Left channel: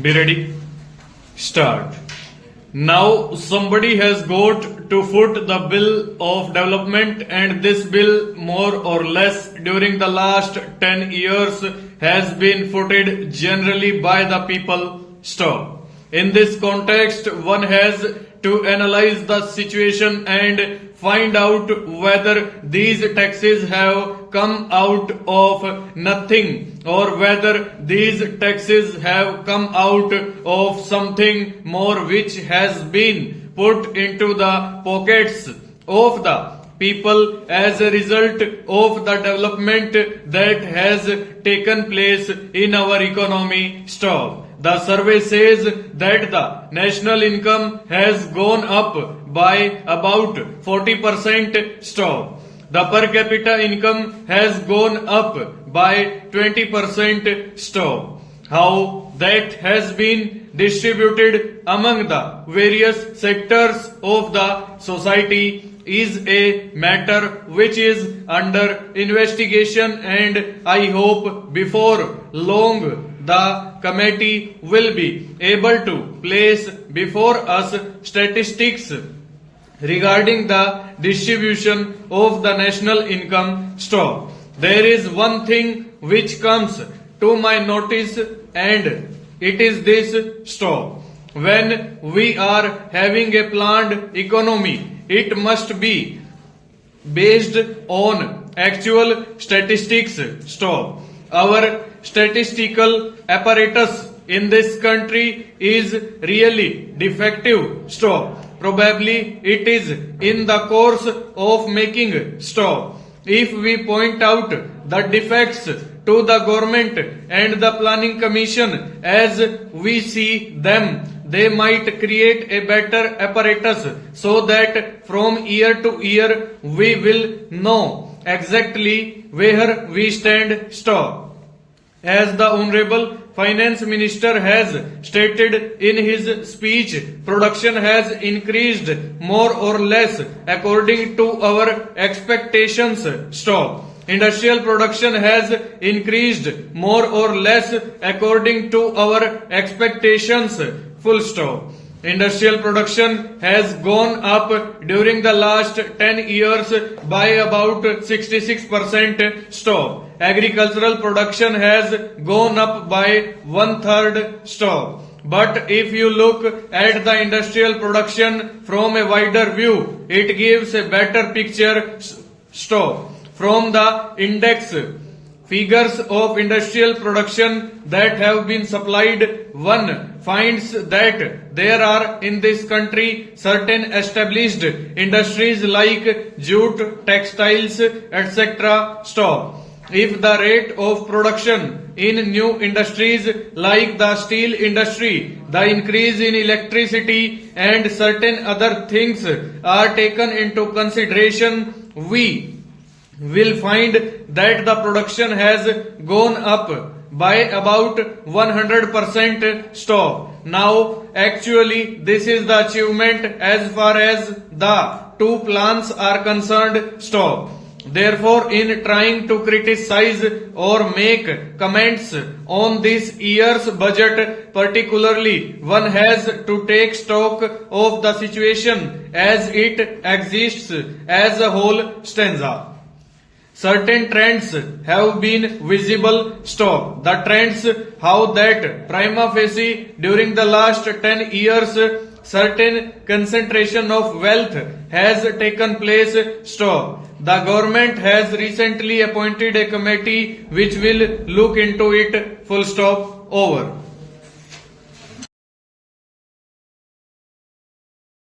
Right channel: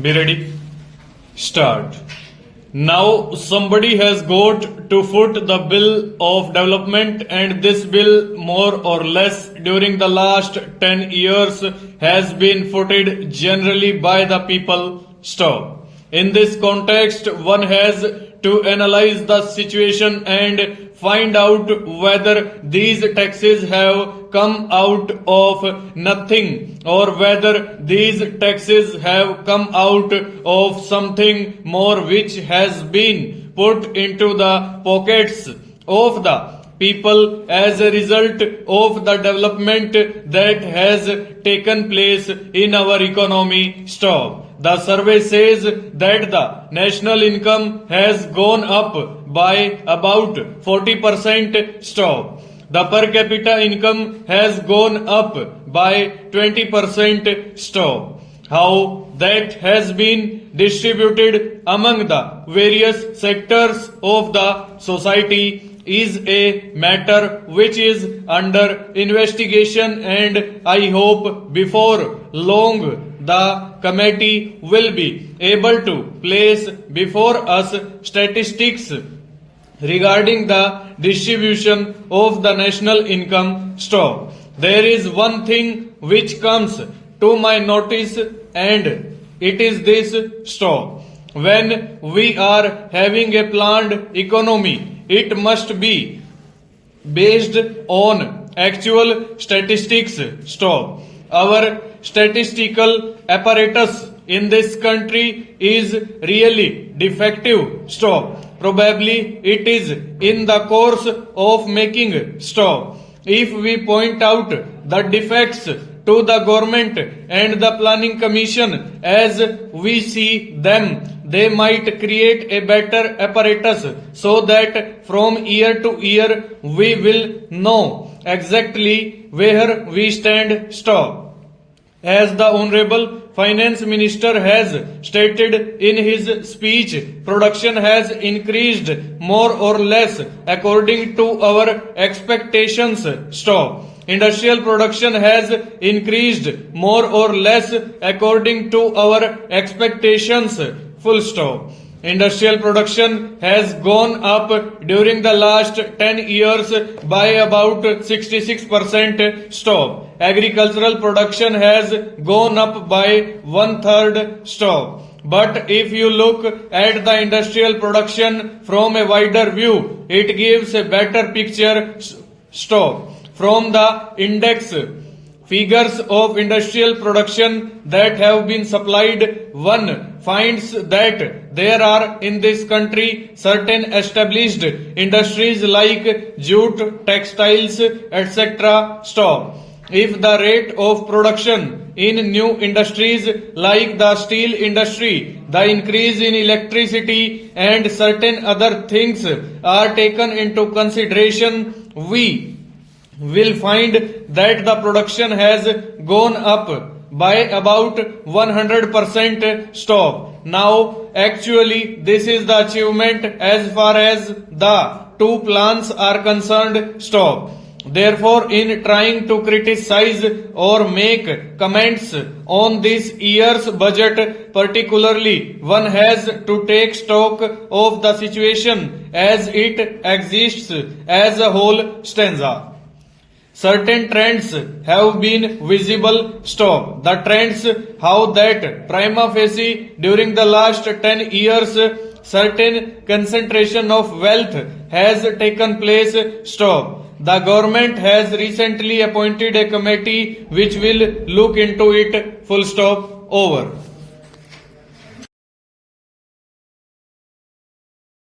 Be ready. Start. Now somebody has got to foot the bill of development, and this bill more or less during the last 10 years has been footed generally by the people. Stop. In this context, one has to analyze the situation and find out whether these taxes have come out of nothing or whether these taxes have come out of something more which has been put into the pockets of the people as a result of the development that has taken place in our economy. Stop. The survey says that the national income has gone up by about 40%. Stop. The per capita income has gone up by 20%. Stop. How that has been distributed among the various sectors of the society is a matter which is under investigation, and I hope before long the committee will be able to place before us statistics regarding the distribution of the national income. Stop. There is one thing which comes to my notice, and it is this. Stop. When we are having a planned economy, it must be based on actual statistics. Stop. Our statistical apparatus in this country is really defective. Stop. Probably it is in the course of making. Stop. If we point out the defects to the government and the planning commission as we see them, they might create a better apparatus so that from year to year we will know exactly where we stand. Stop. As the Honorable Finance Minister has stated in his speech, production has increased more or less according to our expectations. Stop. Industrial production has increased more or less according to our expectations. Full stop. Industrial production has gone up during the last 10 years by about 66%. Stop. Agricultural production has gone up by 1/3. Stop. But if you look at the industrial production from a wider view, it gives a better picture. Stop. From the index figures of industrial production that have been supplied, one finds that there are in this country certain established industries like jute, textiles, etc. Stop. If the rate of production in new industries like the steel industry, the increase in electricity and certain other things are taken into consideration, we will find that the production has gone up by about 100%. Stop. Now, actually, this is the achievement as far as the two plans are concerned. Stop. Therefore, in trying to criticize or make comments on this year's budget particularly, one has to take stock of the situation as it exists as a whole stanza. Certain trends have been visible. Stop. The trends, how that prima facie during the last 10 years certain concentration of wealth has taken place. Stop. The government has recently appointed a committee which will look into it. Full stop. Over.